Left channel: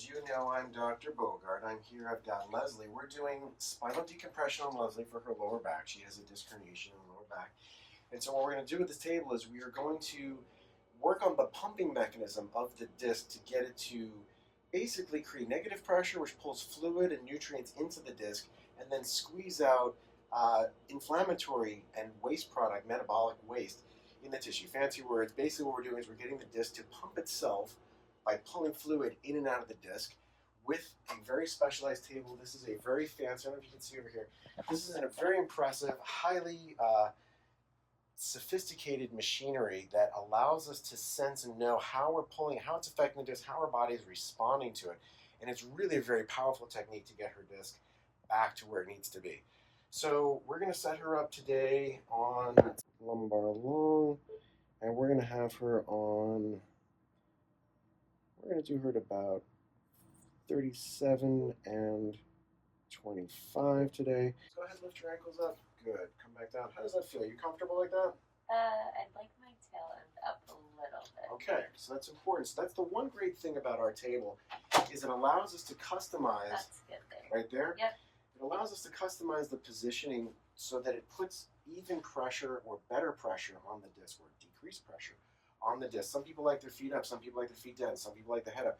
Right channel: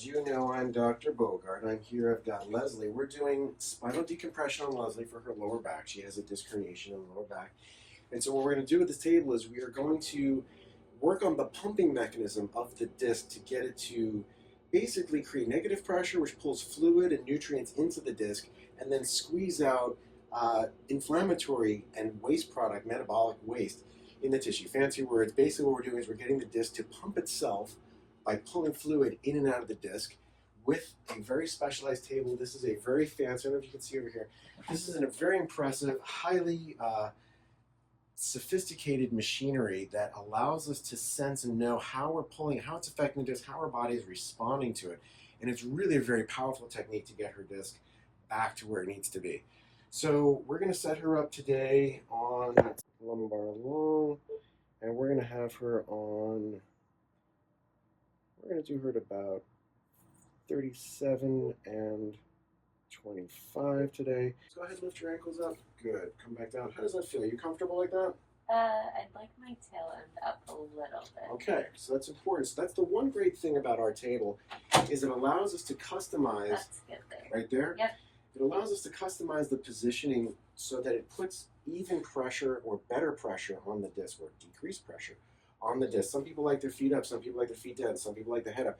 As you know, I'm Dr. Bogart. I'm here. I've got Leslie. We're doing spinal decompression on Leslie for her lower back. She has a disc herniation in the lower back. And so what we're going to do with this table is we are going to work on the pumping mechanism of the disc to get it to basically create negative pressure, which pulls fluid and nutrients into the disc, and then squeeze out inflammatory and waste product, metabolic waste, in the tissue. Fancy words. Basically what we're doing is we're getting the disc to pump itself by pulling fluid in and out of the disc with a very specialized table. This is a very fancy, I don't know if you can see over here, this is a very impressive, highly sophisticated machinery that allows us to sense and know how we're pulling, how it's affecting the disc, how our body is responding to it. And it's really a very powerful technique to get her disc back to where it needs to be. So we're going to set her up today on lumbar long, and we're going to have her on, we're going to do her at about 37 and 25 today. Go ahead and lift your ankles up. Good. Come back down. How does that feel? Are you comfortable like that? I'd like my tail end up a little bit. Okay, so that's important. So that's the one great thing about our table is it allows us to customize. That's good there. Right there? Yep. It allows us to customize the positioning so that it puts even pressure or better pressure on the disc, or decreased pressure on the disc. Some people like their feet up, some people like their feet down, some people like the head up.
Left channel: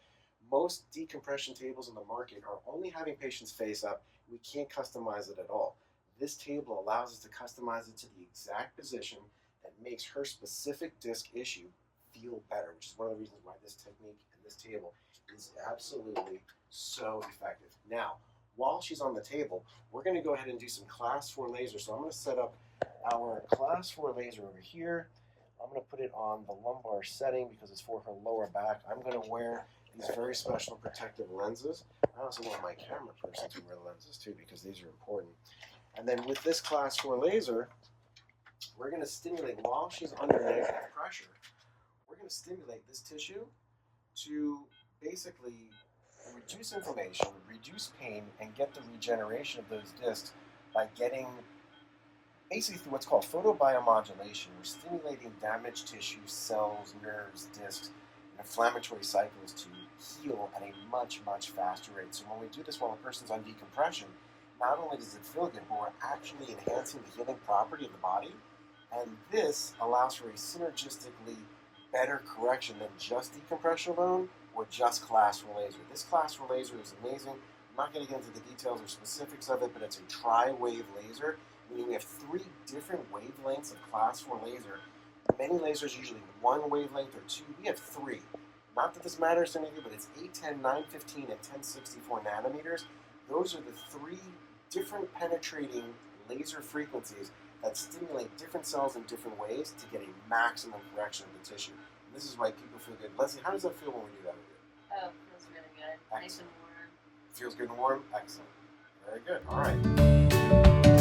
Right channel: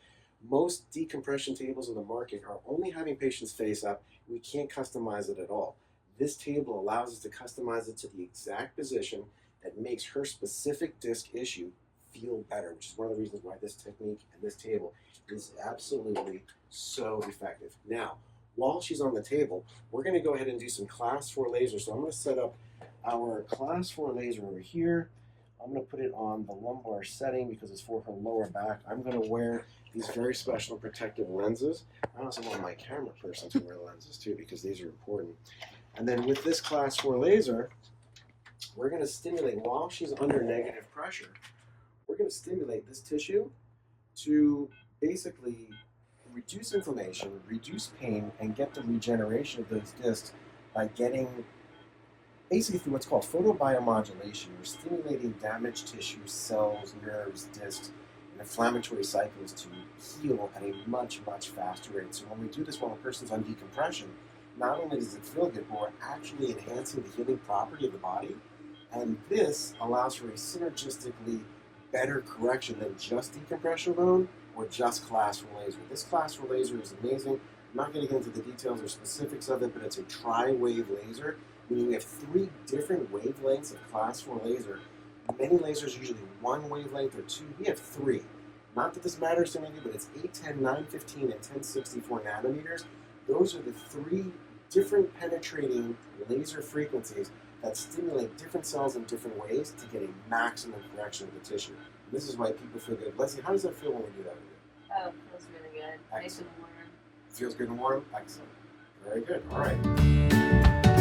Most decompression tables in the market are only having patients face up. We can't customize it at all. This table allows us to customize it to the exact position that makes her specific disc issue feel better, which is one of the reasons why this technique and this table is absolutely so effective. Now, while she's on the table, we're going to go ahead and do some class 4 laser. So I'm going to set up our class 4 laser over here. I'm going to put it on the lumbar setting because it's for her lower back. I'm going to wear these very special protective lenses. I also want my camera person to wear lenses too because these are important. And then with this class 4 laser, we're going to stimulate, while she's under negative pressure, we're going to stimulate this tissue to basically reduce inflammation, reduce pain, and get the regeneration of those discs by getting, basically through what's called photobiomodulation. We're stimulating damaged tissue, cells, nerves, discs, and inflammatory cycles to heal at a much, much faster rate. So when we do this while a person's on decompression, not only does it feel good, but we're actually enhancing the healing property of the body. And this allows for a synergistically better correction than just decompression alone or just class 4 laser. This class 4 laser is amazing. I'm not going to get into the details or specifics of it, but it's a tri-wave laser, meaning we have 3 different wavelengths of class 4 laser. Many lasers usually 1 wavelength or 2. We have 3. Not that this matters to any of you, but it's 810, 915, and 1064 nanometers. Those are the 3 different penetrating laser frequencies that stimulate different cells in different ways to get a maximum correction of the tissue. And this is why people feel good. Leslie, how does it feel when we do that with you? Oh, it feels really good. Nice and warm. Feels good and warm? Excellent. Very good. All right.